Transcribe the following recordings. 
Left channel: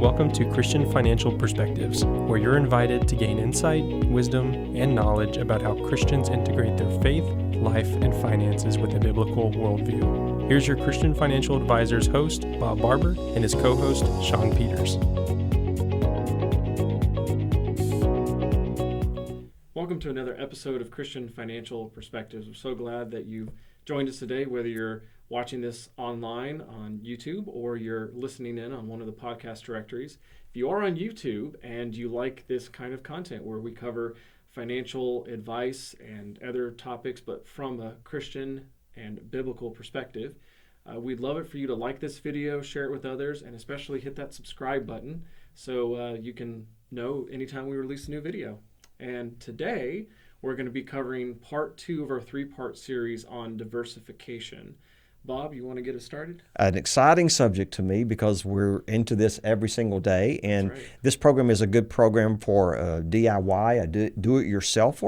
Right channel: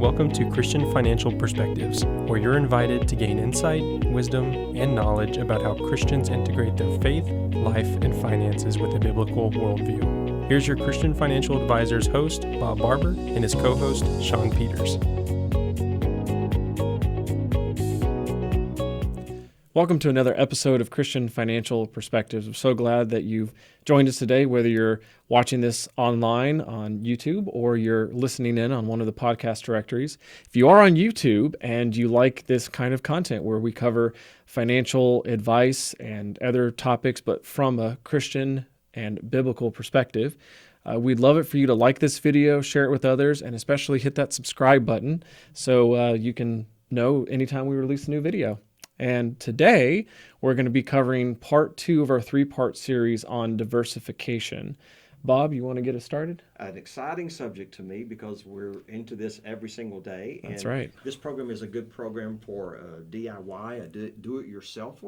Welcome to Christian Financial Perspectives, where you're invited to gain insight, wisdom, and knowledge about how Christians integrate their faith, life, and finances with a biblical worldview. Here's your Christian Financial Advisors host, Bob Barber, and his co-host, Shawn Peters. Welcome to another episode of Christian Financial Perspectives. I'm so glad that you've joined us today, whether you're watching this online on YouTube or you're listening in on one of the podcast directories. If you are on YouTube and you like this kind of content where we cover financial advice and other topics, but from a Christian and biblical perspective, we'd love it for you to like this video, share it with others, and especially hit that subscribe button so you can know anytime we release a new video. And today, we're going to be covering part 2 of our 3-part series on diversification. Bob, you want to get us started? An exciting subject to me because we're into this every single day. And That's right. This program is a good program for DIY, a do-it-yourself,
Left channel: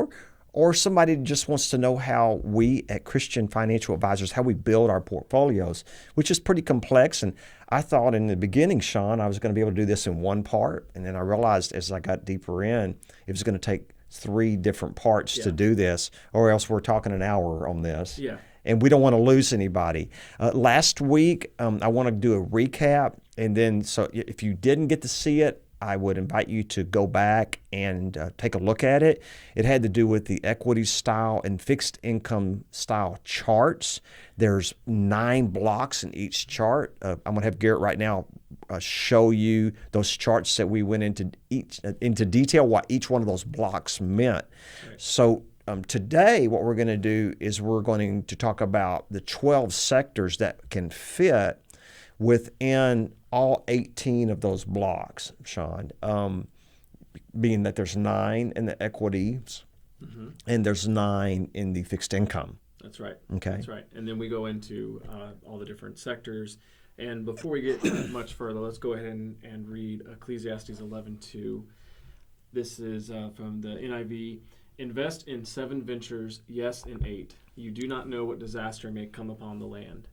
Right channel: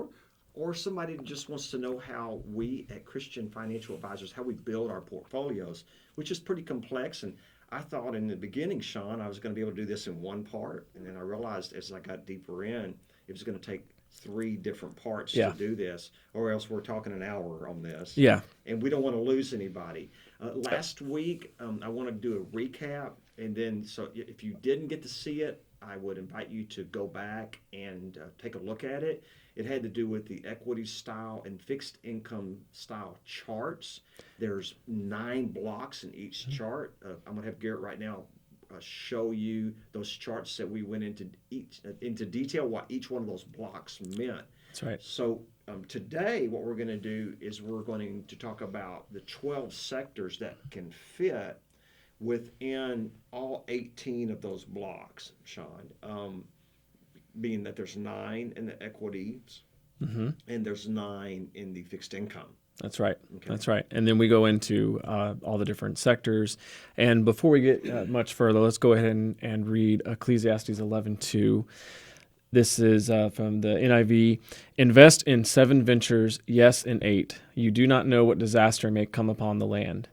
or somebody that just wants to know how we at Christian Financial Advisors, how we build our portfolios, which is pretty complex. And I thought in the beginning, Shawn, I was going to be able to do this in one part. And then I realized as I got deeper in, it was going to take 3 different parts to do this, or else we're talking an hour on this. Yeah. And we don't want to lose anybody. Last week, I want to do a recap. And then, so if you didn't get to see it, I would invite you to go back and take a look at it. It had to do with the equity style and fixed income style charts. There's 9 blocks in each chart. I'm going to have Garrett right now show you those charts that we went into detail what each one of those blocks meant. That's right. So today what we're going to do is we're going to talk about the 12 sectors that can fit within all 18 of those blocks, Shawn, being that there's 9 in the equities and there's 9 in the fixed income. That's right. Okay. That's right. And then we go into all the different sectors. And before we get much further, let's go ahead and read Ecclesiastes 11:2. This is from the NIV. Invest in 7 ventures, yes, in 8. You do not know what disaster may come upon the land.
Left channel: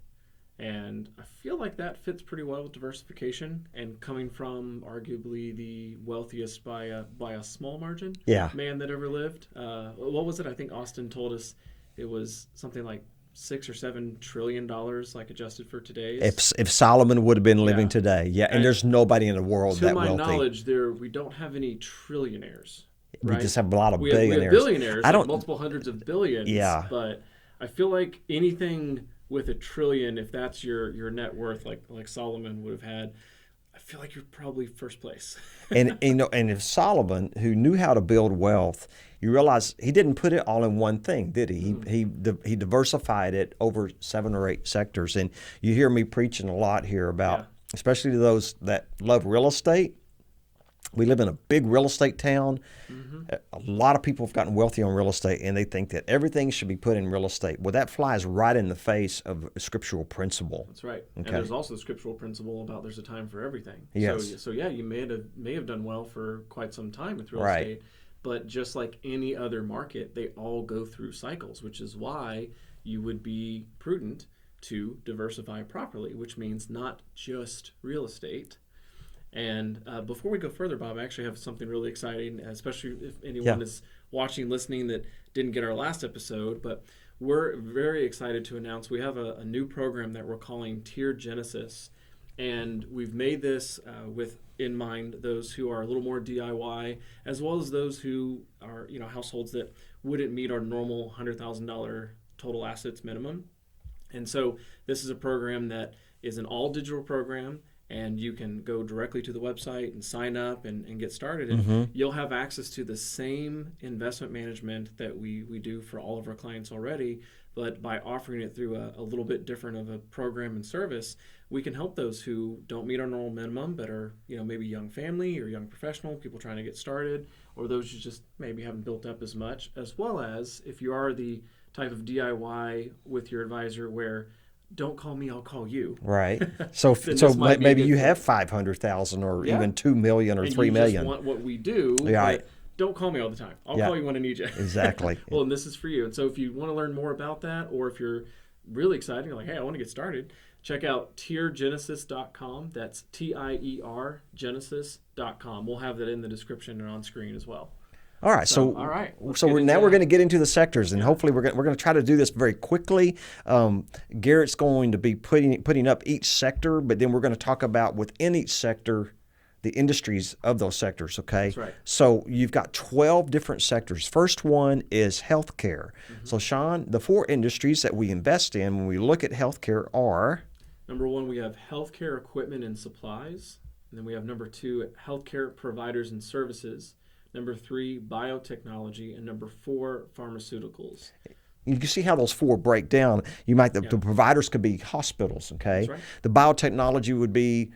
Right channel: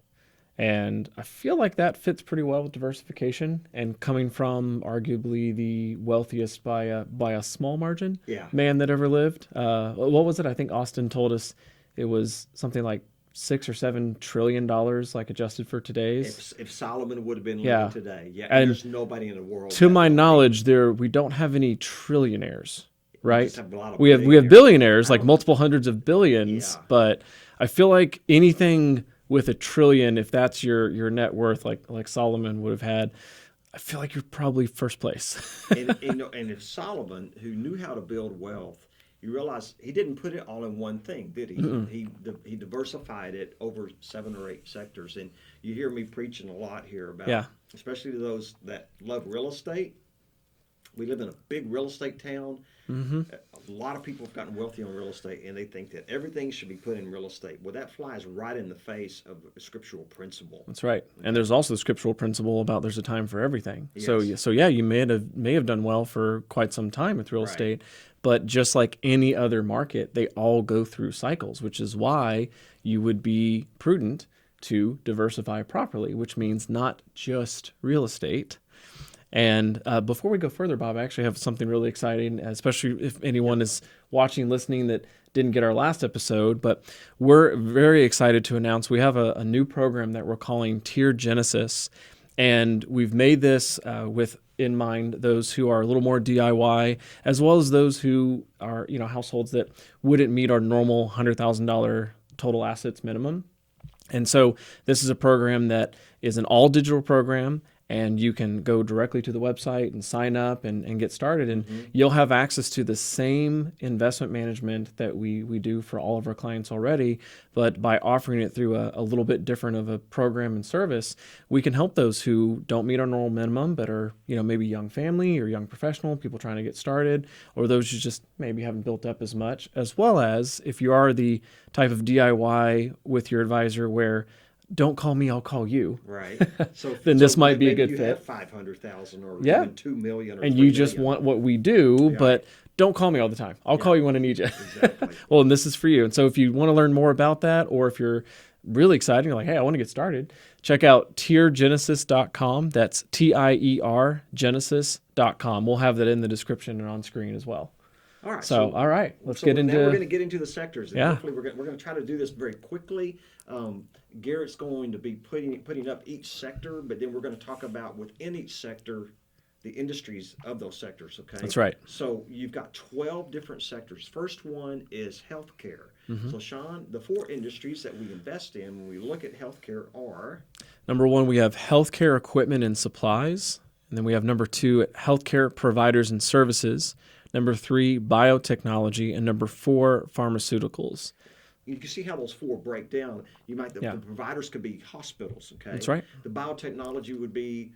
And I feel like that fits pretty well with diversification and coming from arguably the wealthiest by a small margin man that ever lived. What was it? I think Austin told us it was something like $6 or $7 trillion, like adjusted for today's. If Solomon would have been living today, and there's nobody in the world. To my wealthy. Knowledge, we don't have any trillionaires, right? We just have a lot of we billionaires. have billionaires, like multiple hundreds of billions. Yeah. But I feel like anything with $1 trillion, if that's your net worth, like Solomon would have had, I feel like you're probably first place. and if Solomon, who knew how to build wealth, you realize he didn't put it all in one thing, did he? He diversified it over 7 or 8 sectors. And you hear me preaching a lot here about, especially to those that love real estate. We live in a big real estate town. A lot of people have gotten wealthy on real estate, and they think that everything should be put in real estate. Well, that flies right in the face of a scriptural principle. That's right. Okay. And there's also the scriptural principle about there's a time for everything. Yes. So you may have done well for quite some time with real estate. But just like any other market, they all go through cycles, which is why you would be prudent to diversify properly, which means not just real estate. And before we go further, Bob, I actually have something really exciting, especially if anyone is watching, listening that didn't get our last episode. But we're very excited to announce we have a new program that we're calling Tier Genesis. And we've made this with in mind those who are a little more DIY, as well as those who are households that wouldn't meet our normal $100,000 total assets minimum. And so this is a program that is an all digital program, and you can go directly to the website and sign up and get started. And you'll have access to the same investment management that we do for all of our clients already, but by offering it through a little bit different of a program and service, we can help those who don't meet our normal minimum, but are maybe young family or young professional, people trying to get started, or those who just maybe haven't built up as much, as well as if you are the type of DIY with your advisor where don't call me, I'll call you. Right. So, this might be maybe you have 500,000 or even 2 million or 3 million. And you just want what we do, but don't call me all the time. I'll call you when I need you. Exactly. And this is for you. And so if you want to learn more about that, or if you're really excited, you're like, hey, I want to get started, check out tiergenesis.com. That's TIER Genesis.com. We'll have that in the description and on screen as well. All right. So all right. Now we're going to get into the sectors, and Yeah. hopefully we're going to try to do this very quickly. Garrett's going to be putting up each sector, but then we're going to talk about within each sector the industries of those sectors, okay? That's right. So you've got 12 different sectors. First one is healthcare. So Shawn, the 4 industries that we invest in when we look at healthcare are? Number 1, we have healthcare equipment and supplies. And then we have number 2, healthcare providers and services. Number 3, biotechnology. And number 4, pharmaceuticals. You can see how those 4 break down. The providers could be hospitals, okay? That's right. The biotechnology would be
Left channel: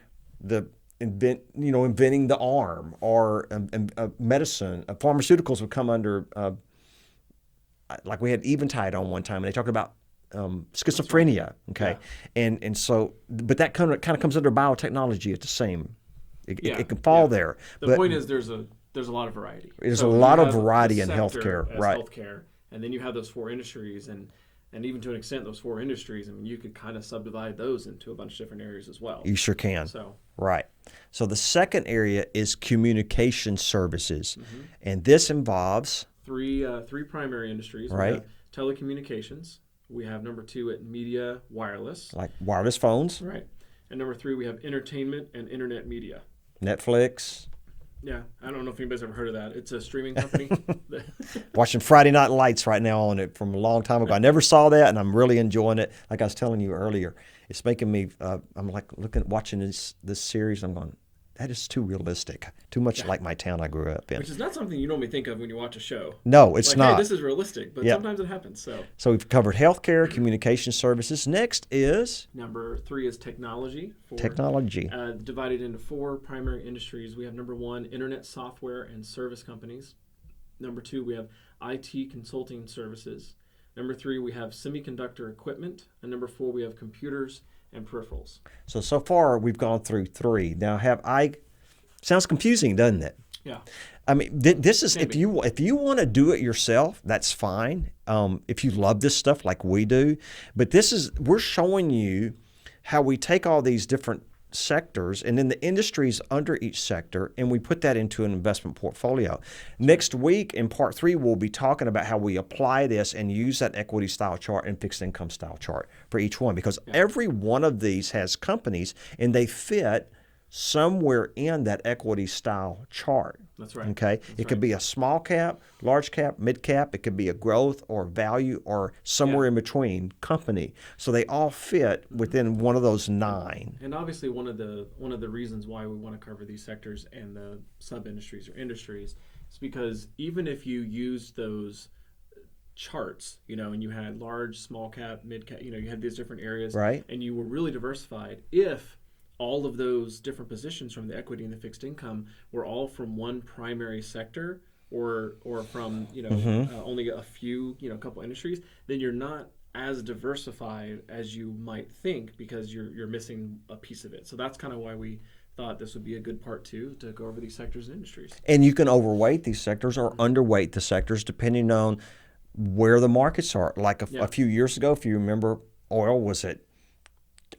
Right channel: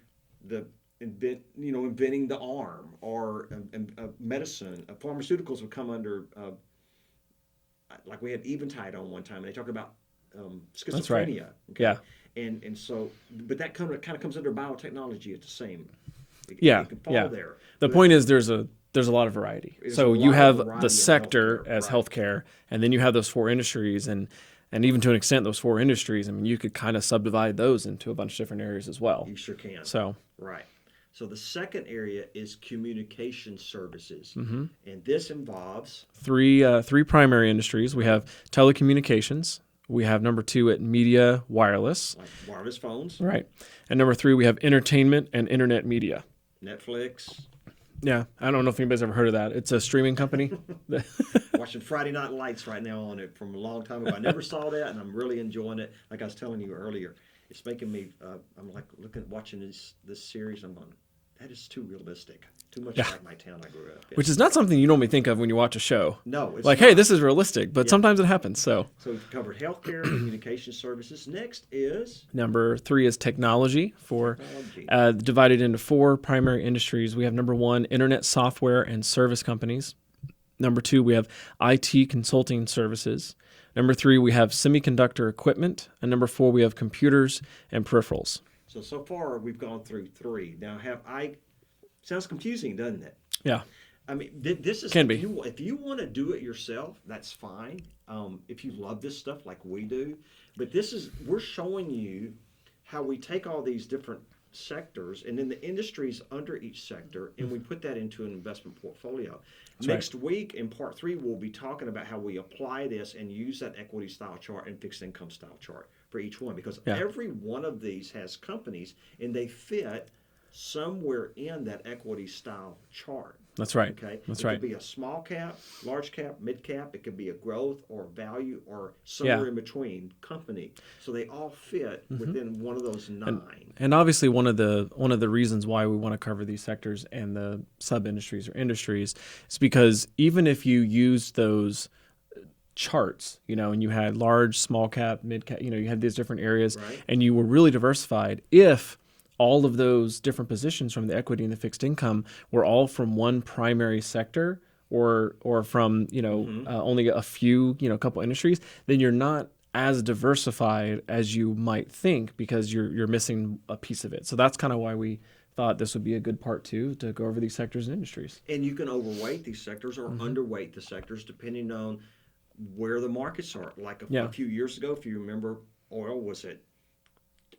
inventing the arm, or medicine. Pharmaceuticals would come under, like we had Eventide on one time, and they talked about schizophrenia. Right. Okay, yeah. and so, but that kind of comes under biotechnology at the same. It can fall there. The point is, there's a lot of variety. There's a lot of variety in sector healthcare, as right. healthcare, and then you have those 4 industries, and even to an extent, those 4 industries. I mean, you could kind of subdivide those into a bunch of different areas as well. You sure can. So right. So the second area is communication services, and this involves 3 primary industries. Right. We have telecommunications. We have number 2 at media wireless, like wireless phones. right? And number 3, we have entertainment and internet media. Netflix. Yeah, I don't know if anybody's ever heard of that. It's a streaming company. Watching Friday Night Lights right now on it from a long time ago. I never saw that, and I'm really enjoying it. Like I was telling you earlier, it's making me. I'm like watching this series. I'm going, that is too realistic, too much like my town I grew up in. Which is not something you normally think of when you watch a show. No, it's like, not. hey, this is realistic, but sometimes it happens. So we've covered healthcare, communication services. Next is number 3 is technology. Technology. Divided into 4 primary industries. We have number 1, internet software and service companies. Number 2, we have IT consulting services. Number 3, we have semiconductor equipment. And number 4, we have computers and peripherals. So far, we've gone through 3. Now, sounds confusing, doesn't it? Yeah. I mean, this is if you want to do it yourself, that's fine. If you love this stuff like we do, but we're showing you how we take all these different sectors and then the industries under each sector, and we put that into an investment portfolio. Next week in part 3, we'll be talking about how we apply this and use that equity style chart and fixed income style chart for each one, because every one of these has companies and they fit somewhere in that equity style chart. That's right. Okay. It could be a small cap, large cap, mid cap. It could be a growth or value or somewhere in between company. So they all fit within one of those 9. And obviously one of the reasons why we want to cover these sectors and the sub industries or industries is because even if you use those charts, and you had large, small cap, mid cap, you had these different areas, right, and you were really diversified, if all of those different positions from the equity and the fixed income were all from one primary sector or from only a few couple industries, then you're not as diversified as you might think, because you're missing a piece of it. So that's kind of why we thought this would be a good part 2 to go over these sectors and industries. And you can overweight these sectors or underweight the sectors depending on where the markets are. Like a few years ago, if you remember, oil was at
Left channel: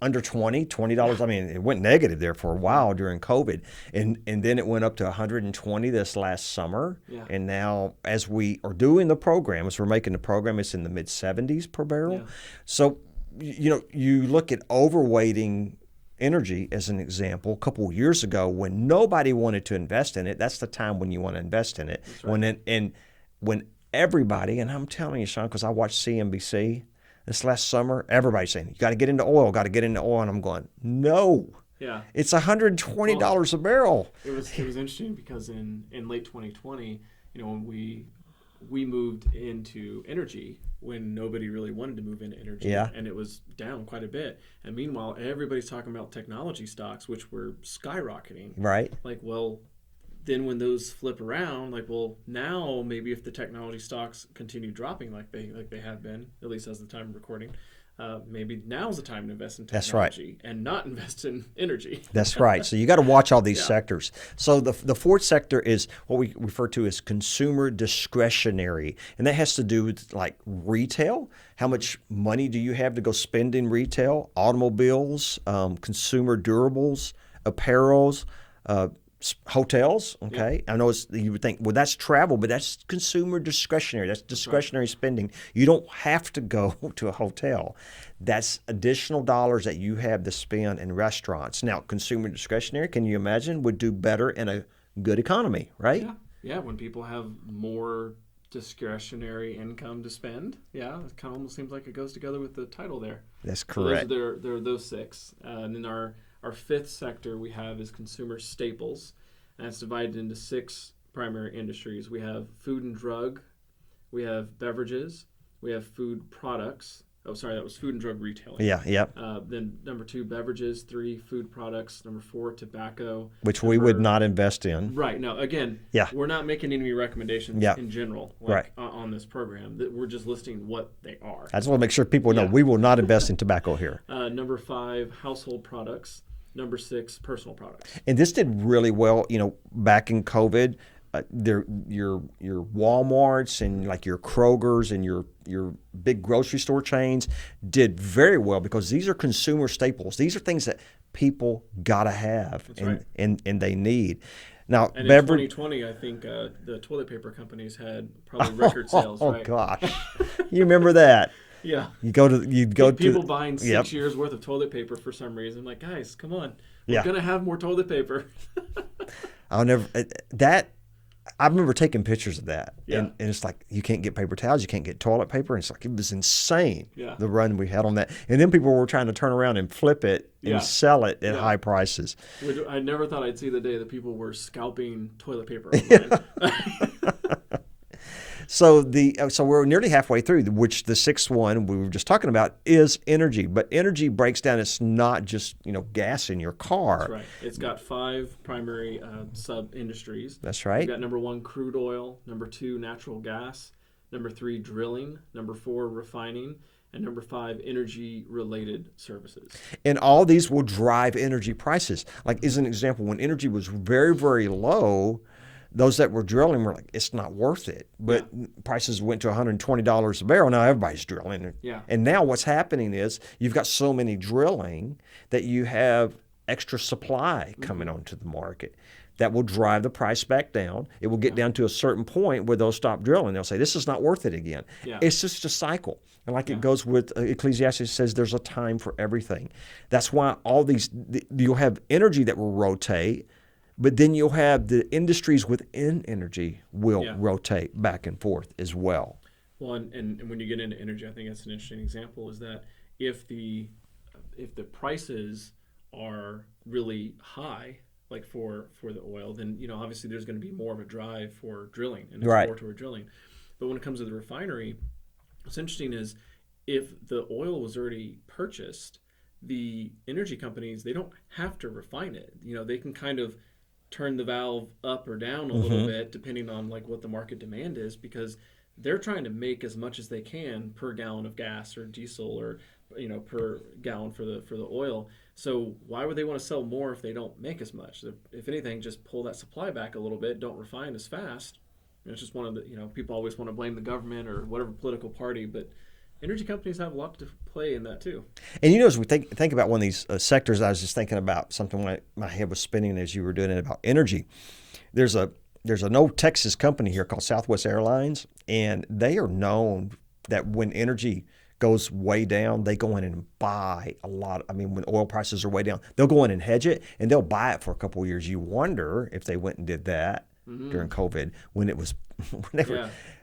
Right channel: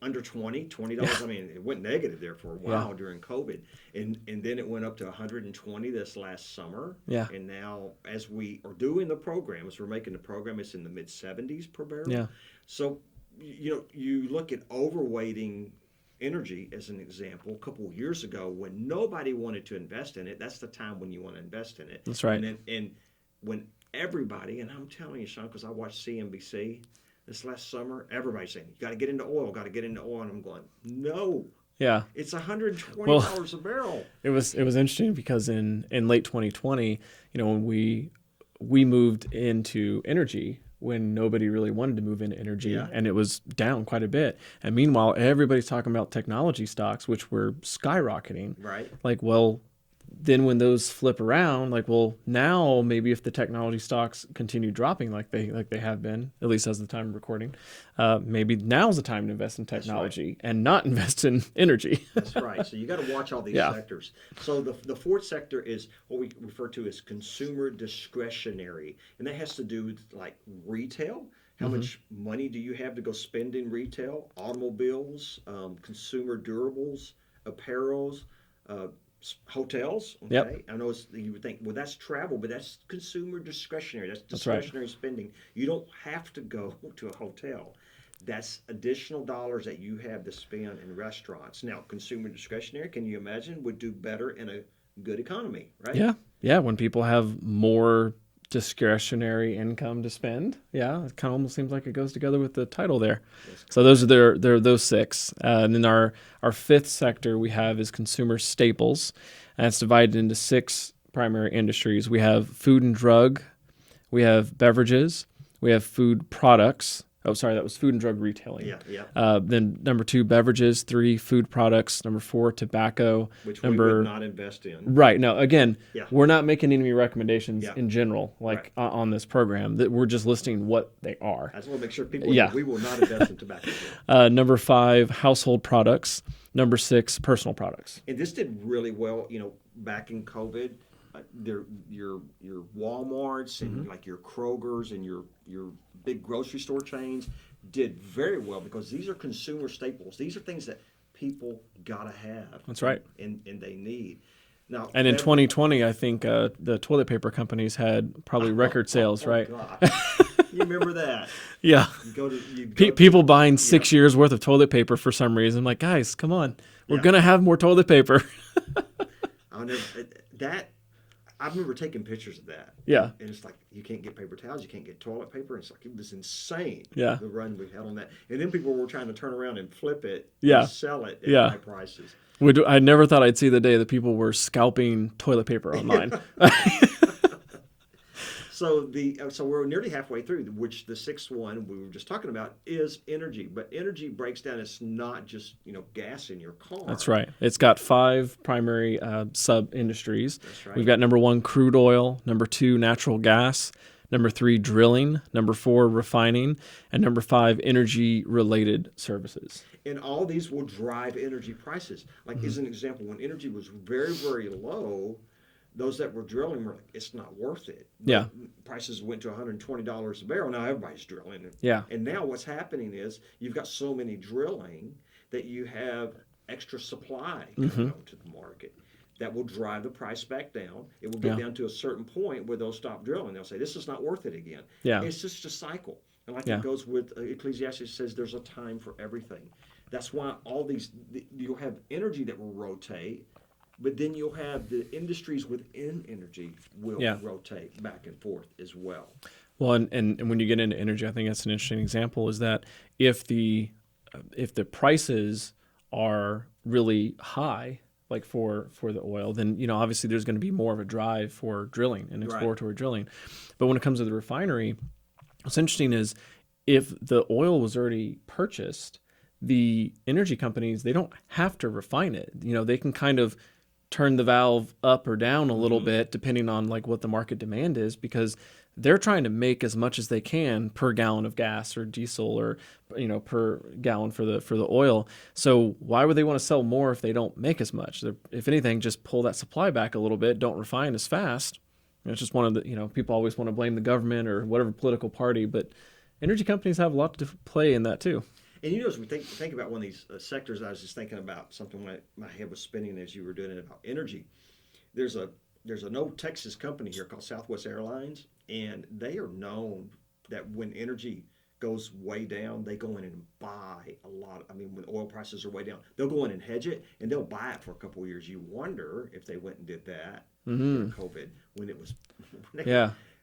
under $20. I mean, it went negative there for a while during COVID, and then it went up to 120 this last summer. Yeah. And now, as we are doing the program, as we're making the program, it's in the mid 70s per barrel. Yeah. So, you look at overweighting energy as an example. A couple of years ago, when nobody wanted to invest in it, that's the time when you want to invest in it. That's right. When everybody, and I'm telling you, Shawn, because I watched CNBC. This last summer, everybody's saying, you got to get into oil, And I'm going, no. Yeah. It's $120 a barrel. It was interesting because in late 2020, when we moved into energy, when nobody really wanted to move into energy, and it was down quite a bit. And meanwhile, everybody's talking about technology stocks, which were skyrocketing. Right. Then when those flip around, now maybe if the technology stocks continue dropping like they have been, at least as the time of recording, maybe now's the time to invest in That's right. technology and not invest in energy. That's right. So you got to watch all these Yeah. sectors. So the fourth sector is what we refer to as consumer discretionary, and that has to do with like retail. How much money do you have to go spend in retail? Automobiles, consumer durables, apparels, hotels. Okay, I know you would think, well, that's travel, but that's consumer discretionary. That's discretionary spending. You don't have to go to a hotel. That's additional dollars that you have to spend in restaurants. Now, consumer discretionary, can you imagine, would do better in a good economy, right? Yeah. When people have more discretionary income to spend, it kind of almost seems like it goes together with the title there. That's correct. So those are those six. And then our fifth sector we have is consumer staples, and it's divided into six primary industries. We have food and drug, we have beverages, we have food products. Oh, sorry, that was food and drug retailing. Yeah. Then number 2, beverages. 3, food products. Number 4, tobacco. Which we would not invest in. Right. No, again, we're not making any recommendations Yeah. in general, like on this program. That we're just listing what they are. I just want to make sure people know we will not invest in tobacco here. Number 5, household products. Number 6, personal products. And this did really well, back in COVID. Your Walmarts and like your Krogers and your big grocery store chains did very well because these are consumer staples. These are things that people gotta have. That's right. And they need. Now, and in 2020, I think the toilet paper companies had probably record sales, right? Oh gosh, you remember that? Yeah. You go people buying 6 years worth of toilet paper for some reason. Like, guys, come on, we're gonna have more toilet paper. I remember taking pictures of that. Yeah. And it's like, you can't get paper towels, you can't get toilet paper. And it's like, it was insane, the run we had on that. And then people were trying to turn around and flip it and sell it at high prices. I never thought I'd see the day that people were scalping toilet paper online. So we're nearly halfway through, which the sixth one we were just talking about is energy. But energy breaks down. It's not just gas in your car. That's right. It's got 5 primary sub industries. That's right. We've got number 1, crude oil. Number 2, natural gas. Number 3, drilling. Number 4, refining. And number 5, energy related services. And all these will drive energy prices. Like as an example, when energy was very, very low, those that were drilling were like, it's not worth it. But prices went to $120 a barrel. Now everybody's drilling. Yeah. And now what's happening is you've got so many drilling that you have extra supply coming onto the market. That will drive the price back down. It will get down to a certain point where they'll stop drilling. They'll say, this is not worth it again. Yeah. It's just a cycle. And like it goes with Ecclesiastes says there's a time for everything. That's why you'll have energy that will rotate, but then you'll have the industries within energy will rotate back and forth as well. Well, and when you get into energy, I think that's an interesting example is that if the prices are really high, like for the oil, then obviously there's going to be more of a drive for drilling and exploratory drilling. But when it comes to the refinery, what's interesting is if the oil was already purchased, the energy companies, they don't have to refine it. They can kind of turn the valve up or down a little bit depending on like what the market demand is, because they're trying to make as much as they can per gallon of gas or diesel or per gallon for the oil. So why would they want to sell more if they don't make as much? If anything, just pull that supply back a little bit, don't refine as fast. It's just one of the people always want to blame the government or whatever political party, but energy companies have a lot to play in that too. And as we think about one of these sectors, I was just thinking about something when my head was spinning as you were doing it about energy. There's an old Texas company here called Southwest Airlines, and they are known that when energy goes way down, they go in and buy a lot. When oil prices are way down, they'll go in and hedge it, and they'll buy it for a couple of years. You wonder if they went and did that during COVID when it was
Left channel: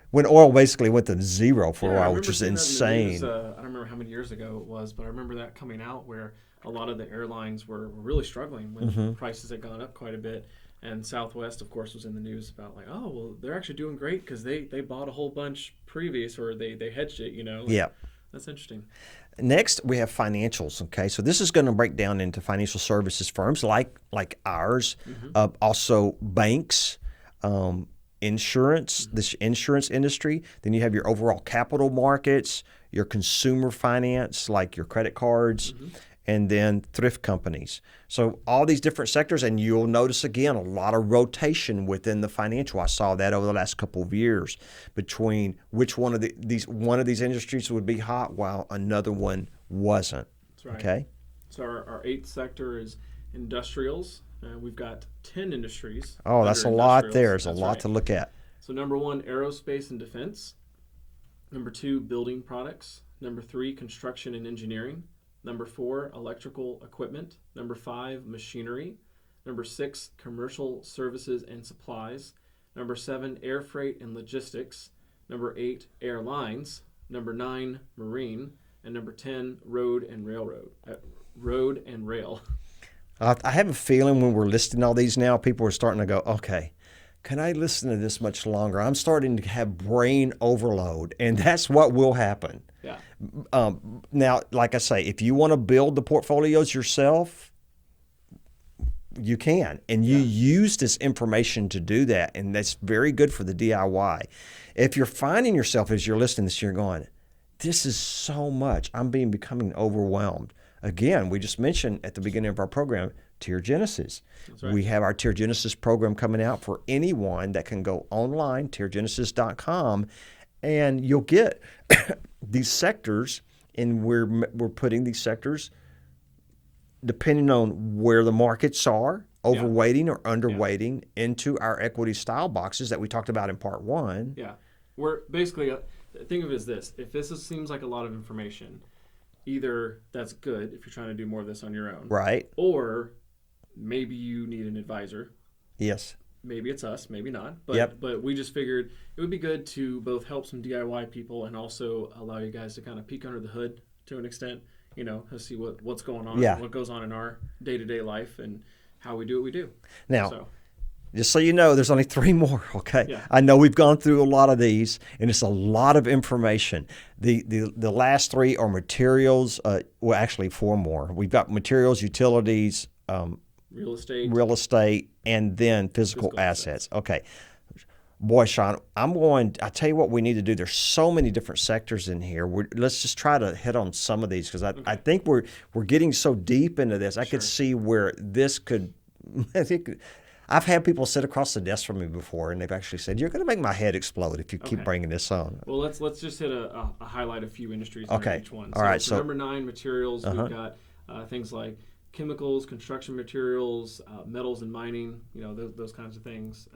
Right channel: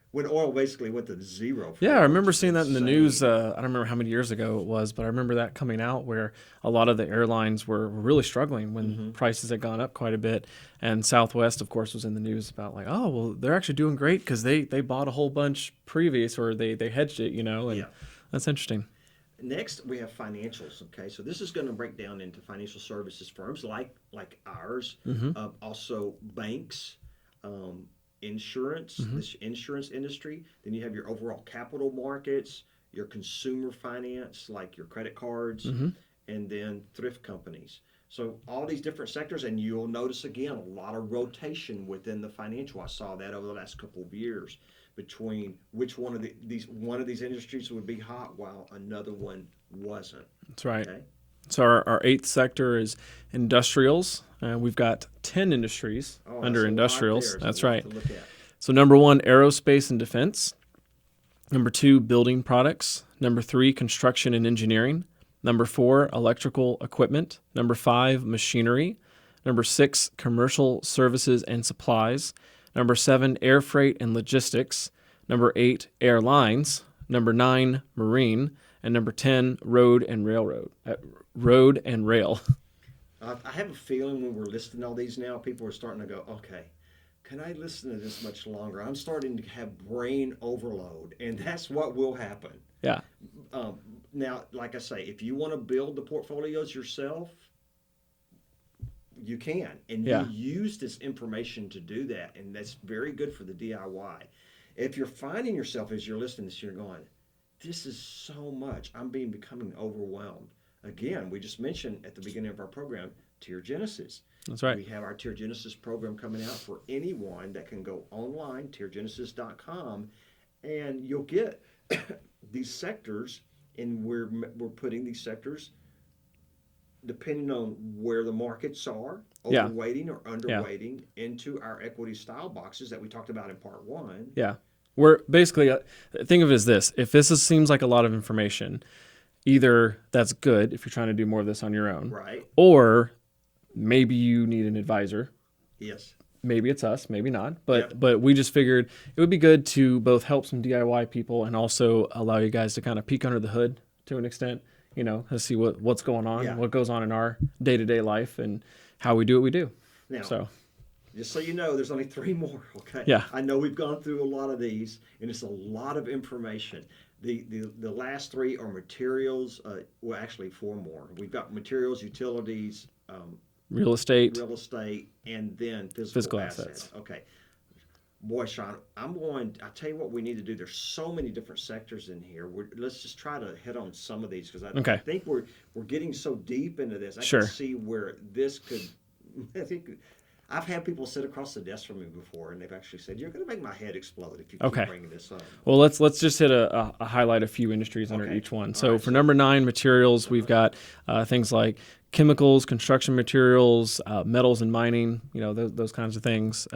when oil basically went to zero for a while. I remember seeing insane. that in the news. I don't remember how many years ago it was, but I remember that coming out where a lot of the airlines were really struggling when prices had gone up quite a bit. And Southwest, of course, was in the news about like, oh, well, they're actually doing great because they bought a whole bunch previous or they hedged it, That's interesting. Next, we have financials. Okay, so this is going to break down into financial services firms like ours, also banks, insurance, this insurance industry. Then you have your overall capital markets, your consumer finance, like your credit cards, and then thrift companies. So all these different sectors, and you'll notice again a lot of rotation within the financial. I saw that over the last couple of years between which one of these industries would be hot while another one wasn't. That's right. Okay. So our eighth sector is industrials. We've got 10 industries. Oh, that's a lot there. There's a lot to look at. So number 1, aerospace and defense. Number 2, building products. Number 3, construction and engineering. Number 4, electrical equipment. Number 5, machinery. Number 6, commercial services and supplies. Number 7, air freight and logistics. Number 8, airlines. Number 9, marine. And number 10, road and rail. I have a feeling when we're listing all these now, people are starting to go, okay, can I listen to this much longer? I'm starting to have brain overload, and that's what will happen. Yeah. Now, like I say, if you want to build the portfolios yourself, you can. And you use this information to do that, and that's very good for the DIY. If you're finding yourself as you're listening to this, you're going, this is so much. I'm becoming overwhelmed. Again, we just mentioned at the beginning of our program, Tier Genesis. That's right. We have our Tier Genesis program coming out for anyone that can go online, tiergenesis.com, and you'll get these sectors, and we're putting these sectors depending on where the markets are, overweighting or underweighting into our equity style boxes that we talked about in part 1. Yeah. We're basically, think of it as this. If this seems like a lot of information, either that's good if you're trying to do more of this on your own. Right. Or maybe you need an advisor. Yes. Maybe it's us, maybe not. But we just figured it would be good to both help some DIY people and also allow you guys to kind of peek under the hood to an extent, to see what's going on, what goes on in our day-to-day life and how we do what we do. Now, just so you know, there's only 3 more, okay? Yeah. I know we've gone through a lot of these, and it's a lot of information. The last 3 are materials, well, actually 4 more. We've got materials, utilities, real estate, and then physical assets. Okay. Boy, Shawn, I tell you what we need to do. There's so many different sectors in here. Let's just try to hit on some of these because I think we're getting so deep into this. I can see where this could I've had people sit across the desk from me before, and they've actually said, "You're going to make my head explode if you keep bringing this on." Well, let's just hit highlight a few industries under each one. So for number 9, materials, we've got things like chemicals, construction materials, metals and mining, those kinds of things,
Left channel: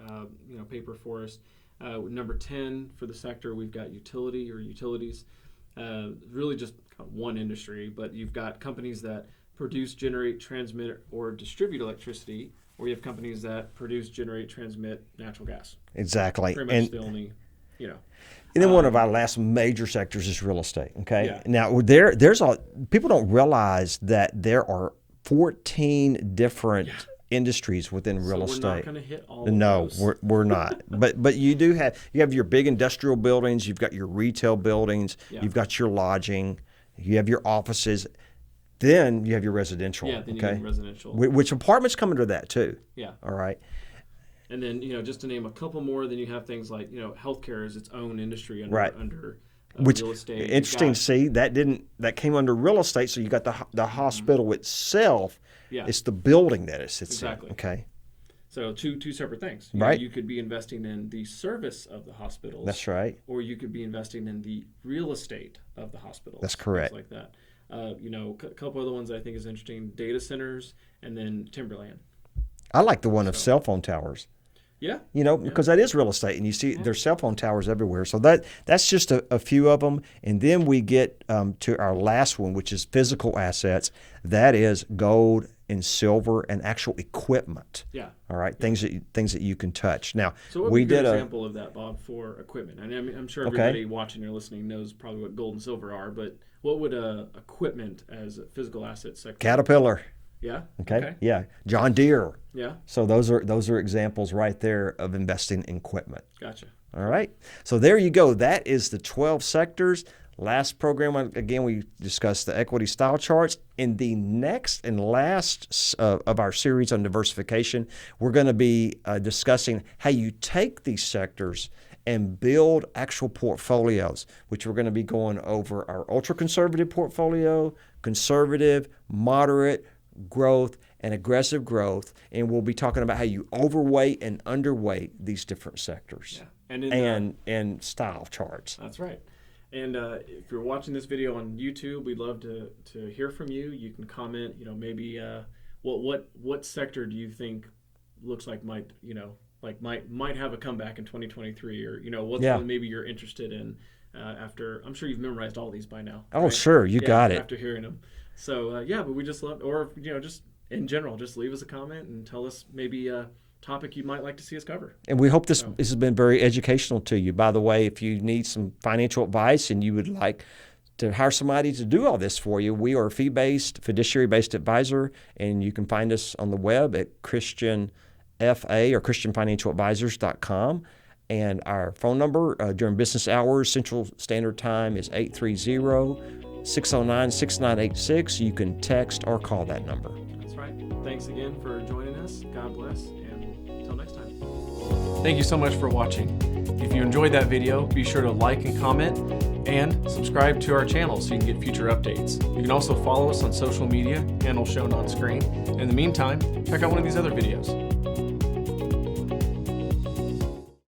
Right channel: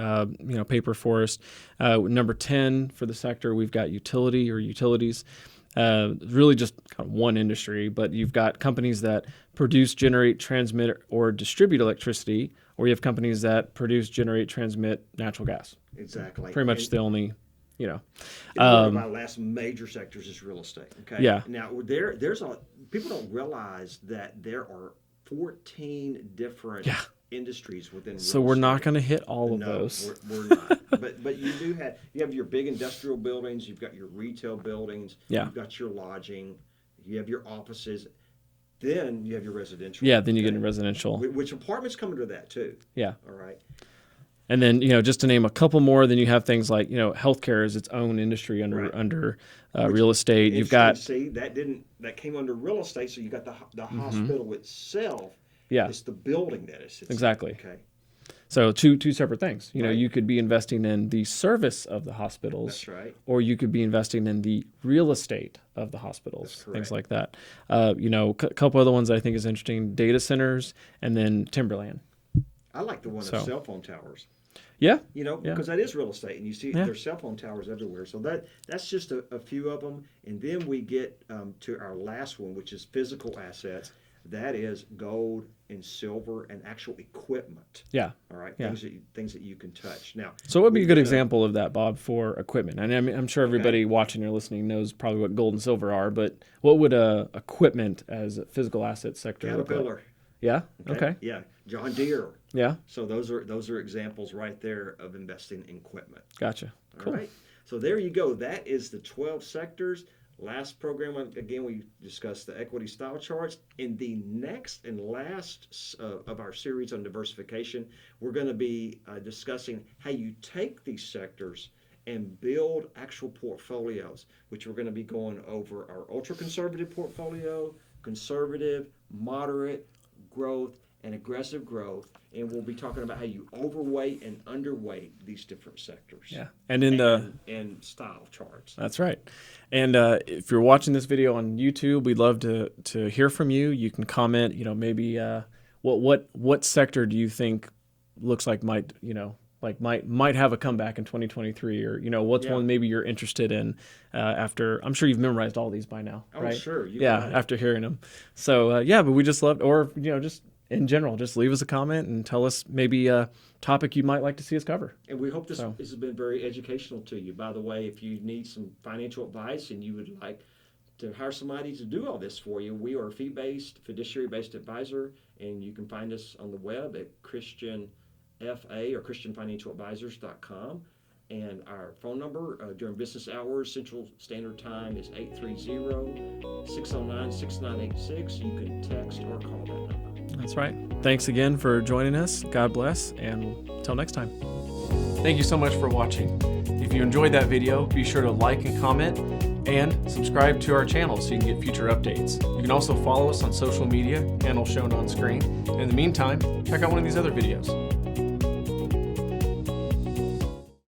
paper, forest. Number 10 for the sector, we've got utilities. Really just kind of one industry, but you've got companies that produce, generate, transmit, or distribute electricity, or you have companies that produce, generate, transmit natural gas. Exactly. Pretty much the only, one of our last major sectors is real estate. Okay. Yeah. Now people don't realize that there are 14 different industries within real estate. So we're not going to hit all of those. No, we're not. but you have your big industrial buildings, you've got your retail buildings, you've got your lodging, you have your offices, then you have your residential. Yeah, then you get residential. Which apartments come under that too. Yeah. All right. And then, just to name a couple more, then you have things like, healthcare is its own industry under real estate. Interesting. That came under real estate. So you got the hospital itself. Yeah. It's the building that it's exactly. Okay. So two separate things. Right. You could be investing in the service of the hospitals. That's right. Or you could be investing in the real estate of the hospitals. That's correct. Things like that. A couple other ones that I think is interesting: data centers and then timberland. I like the one of cell phone towers. Yeah. Because that is real estate, and you see there's cell phone towers everywhere. So that's just a few of them. And then we get to our last one, which is physical assets. That is gold and silver and actual equipment. Yeah. All right. Things that you can touch. Now, so what would be a good example of that, Bob, for equipment? And I'm sure everybody watching or listening knows probably what gold and silver are, but what would equipment as a physical asset sector? Caterpillar. Yeah. Okay. Yeah. John Deere. Yeah. So those are examples right there of investing in equipment. Gotcha. All right. So there you go. That is the 12 sectors. Last program, again, we discussed the equity style charts. In the next and last of our series on diversification, we're going to be discussing how you take these sectors and build actual portfolios, which we're going to be going over our ultra-conservative portfolio, conservative, moderate growth, and aggressive growth. And we'll be talking about how you overweight and underweight these different sectors. Yeah. And style charts. That's right. And if you're watching this video on YouTube, we'd love to hear from you. You can comment, maybe what sector do you think looks like might have a comeback in 2023, or what's one maybe you're interested in after. I'm sure you've memorized all these by now. Oh, right? sure, you got it after hearing them. So but we just love, or just in general, just leave us a comment and tell us maybe a topic you might like to see us cover. And we hope this has been very educational to you. By the way, if you need some financial advice and you would like to hire somebody to do all this for you, we are a fee-based, fiduciary-based advisor, and you can find us on the web at Christian FA or ChristianFinancialAdvisors.com. And our phone number during business hours, Central Standard Time, is 830-609-6986. You can text or call that number. That's right. Thanks again for joining us. God bless, and until next time. Thank you so much for watching. If you enjoyed that video, be sure to like and comment, and subscribe to our channel so you can get future updates. You can also follow us on social media, handle shown on screen. In the meantime, check out one of these other videos.